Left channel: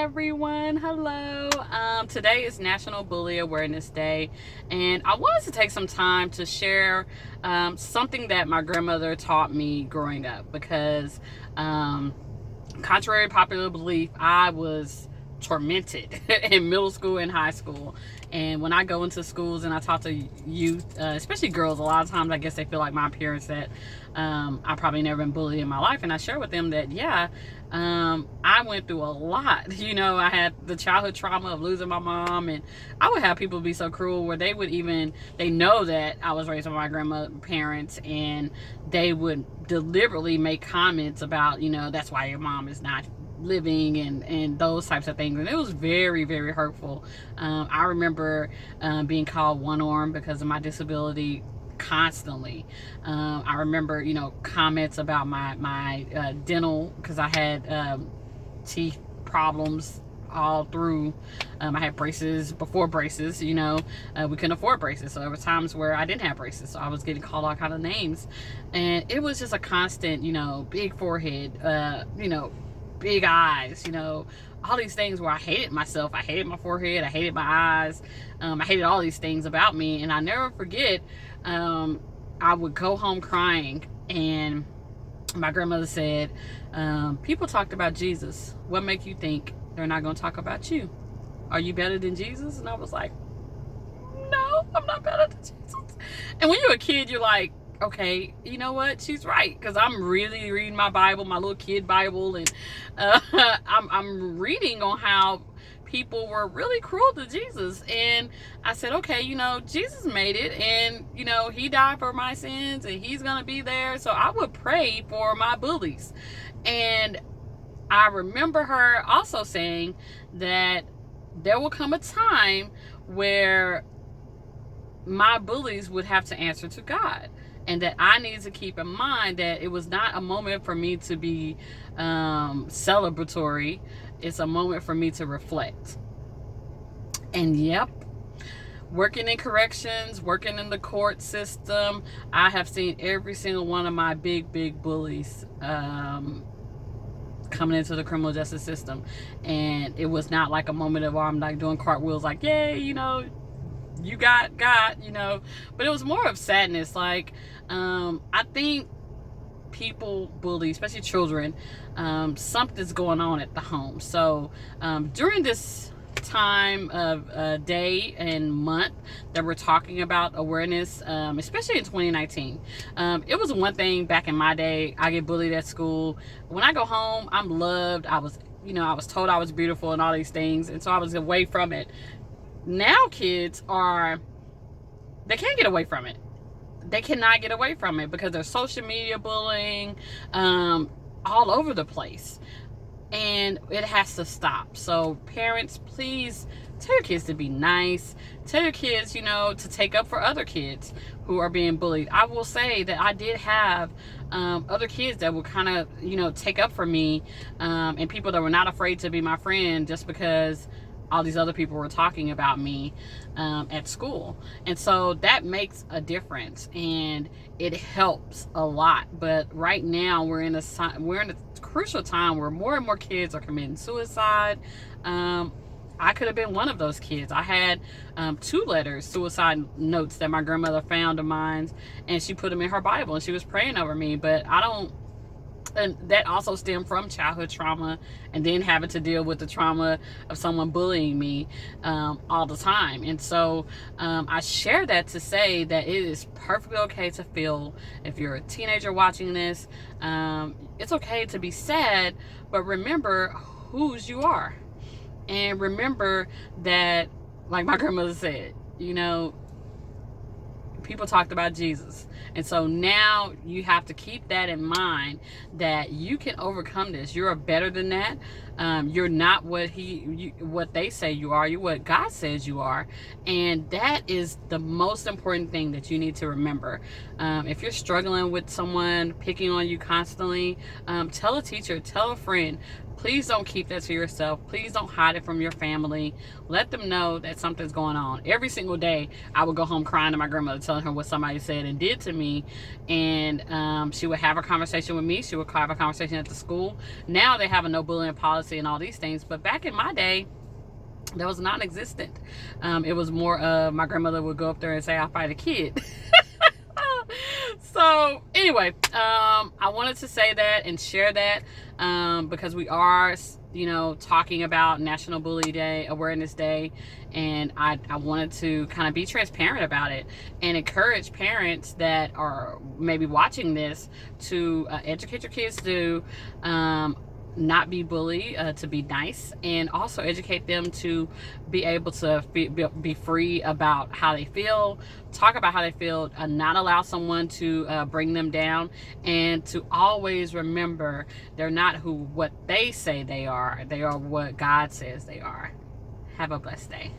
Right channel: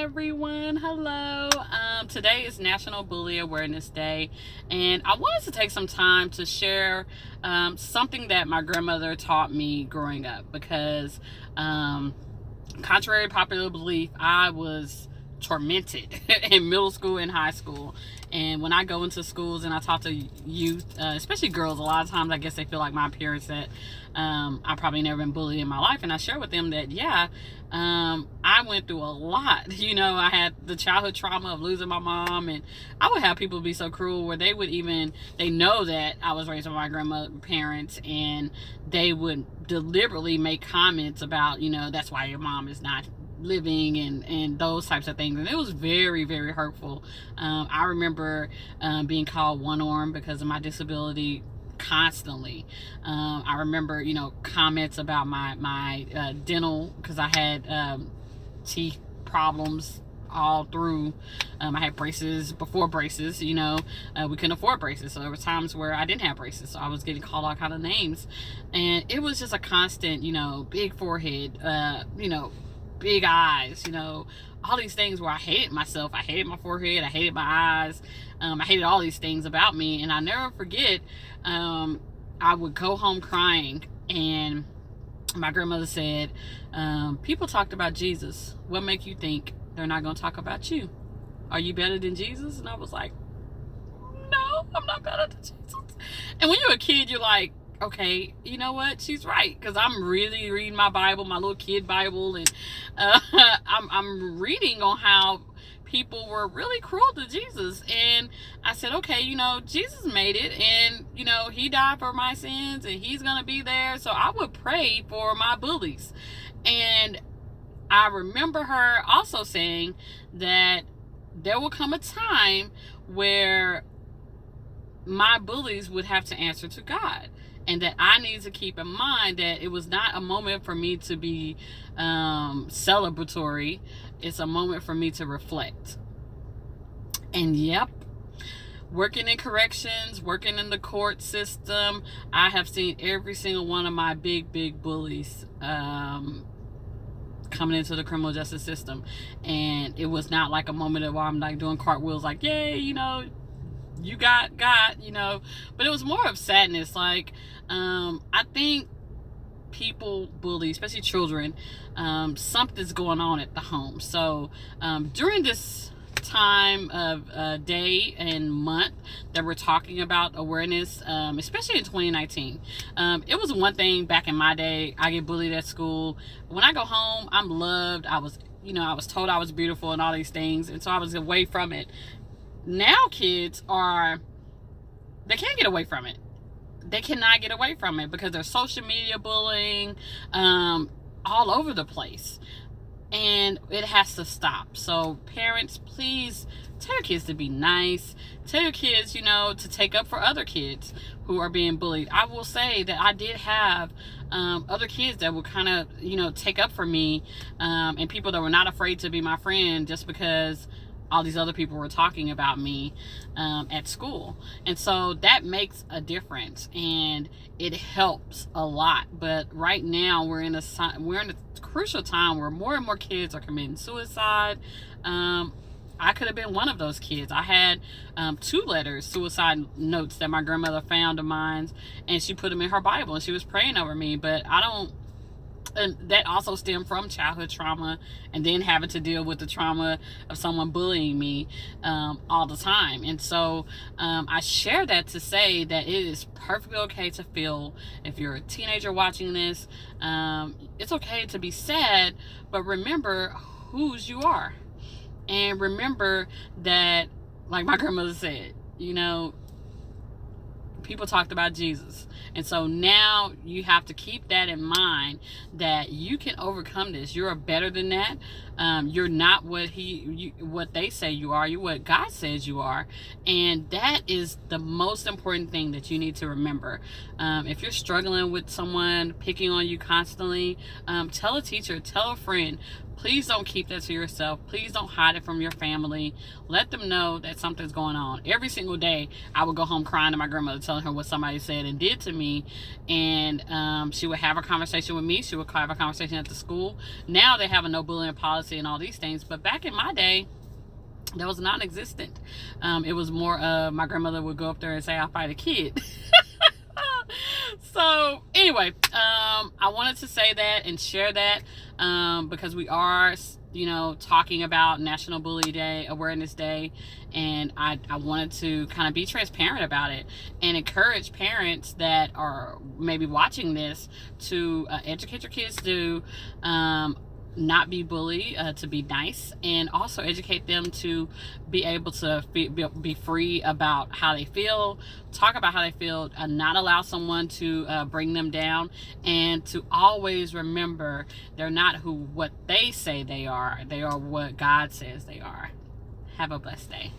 everyone. Hello. Today is National Bully Awareness Day, and I wanted to take some time to share something that my grandmother taught me growing up because, contrary to popular belief, I was tormented in middle school and high school. And when I go into schools and I talk to youth, especially girls, a lot of times I guess they feel like my parents that I probably never been bullied in my life, and I share with them that I went through a lot. I had the childhood trauma of losing my mom, and I would have people be so cruel where they know that I was raised by my grandparents, and they would deliberately make comments about, that's why your mom is not living, and those types of things, and it was very, very hurtful. I remember being called one arm because of my disability constantly. I remember comments about my dental, because I had teeth problems all through. I had braces before braces. We couldn't afford braces, so there were times where I didn't have braces, so I was getting called all kind of names, and it was just a constant, big forehead, big eyes, all these things where I hated myself. I hated my forehead, I hated my eyes, I hated all these things about me. And I never forget, I would go home crying, and my grandmother said, people talked about Jesus. What make you think they're not going to talk about you? Are you better than Jesus? And I was like, no, I'm not better than Jesus. And when you're a kid, you're like, okay, you know what? She's right, because I'm really reading my Bible, my little kid Bible, and I'm reading on how people were really cruel to Jesus. And I said, okay, Jesus made it, and he died for my sins, and he's gonna be there. So I would pray for my bullies. And I remember her also saying that there will come a time where my bullies would have to answer to God, and that I needed to keep in mind that it was not a moment for me to be celebratory. It's a moment for me to reflect. And yep, working in corrections, working in the court system, I have seen every single one of my big bullies coming into the criminal justice system. And it was not like a moment of I'm like doing cartwheels like, yay, you got, but it was more of sadness. Like, I think people bully, especially children, something's going on at the home. So during this time of day and month that we're talking about awareness, especially in 2019, it was one thing back in my day. I get bullied at school. When I go home, I'm loved. I was told I was beautiful and all these things, and so I was away from it. Now kids they can't get away from it. They cannot get away from it because there's social media bullying all over the place, and it has to stop. So parents, please tell your kids to be nice. Tell your kids, to take up for other kids who are being bullied. I will say that I did have other kids that would kind of, take up for me, and people that were not afraid to be my friend just because all these other people were talking about me at school. And so that makes a difference, and it helps a lot. But right now we're in a crucial time where more and more kids are committing suicide. I could have been one of those kids. I had 2 suicide notes that my grandmother found of mine, and she put them in her Bible, and she was praying over me. But and that also stemmed from childhood trauma, and then having to deal with the trauma of someone bullying me all the time. And so I share that to say that it is perfectly okay to feel. If you're a teenager watching this, it's okay to be sad, but remember whose you are. And remember that, like my grandmother said, people talked about Jesus. And so now you have to keep that in mind, that you can overcome this. You're better than that. You're not what they say you are. You're what God says you are. And that is the most important thing that you need to remember. If you're struggling with someone picking on you constantly, tell a teacher, tell a friend. Please don't keep that to yourself. Please don't hide it from your family. Let them know that something's going on. Every single day, I would go home crying to my grandmother, telling her what somebody said and did to me. And she would have a conversation with me. She would have a conversation at the school. Now they have a no bullying policy jealousy and all these things. But back in my day, that was non-existent. It was more of my grandmother would go up there and say, I'll fight a kid. So anyway, I wanted to say that and share that, because we are, talking about National Bully Day, Awareness Day, and I wanted to kind of be transparent about it and encourage parents that are maybe watching this to educate your kids to not be bullied, to be nice, and also educate them to be able to be free about how they feel, talk about how they feel, not allow someone to bring them down, and to always remember they're not what they say they are. They are what God says they are. Have a blessed day.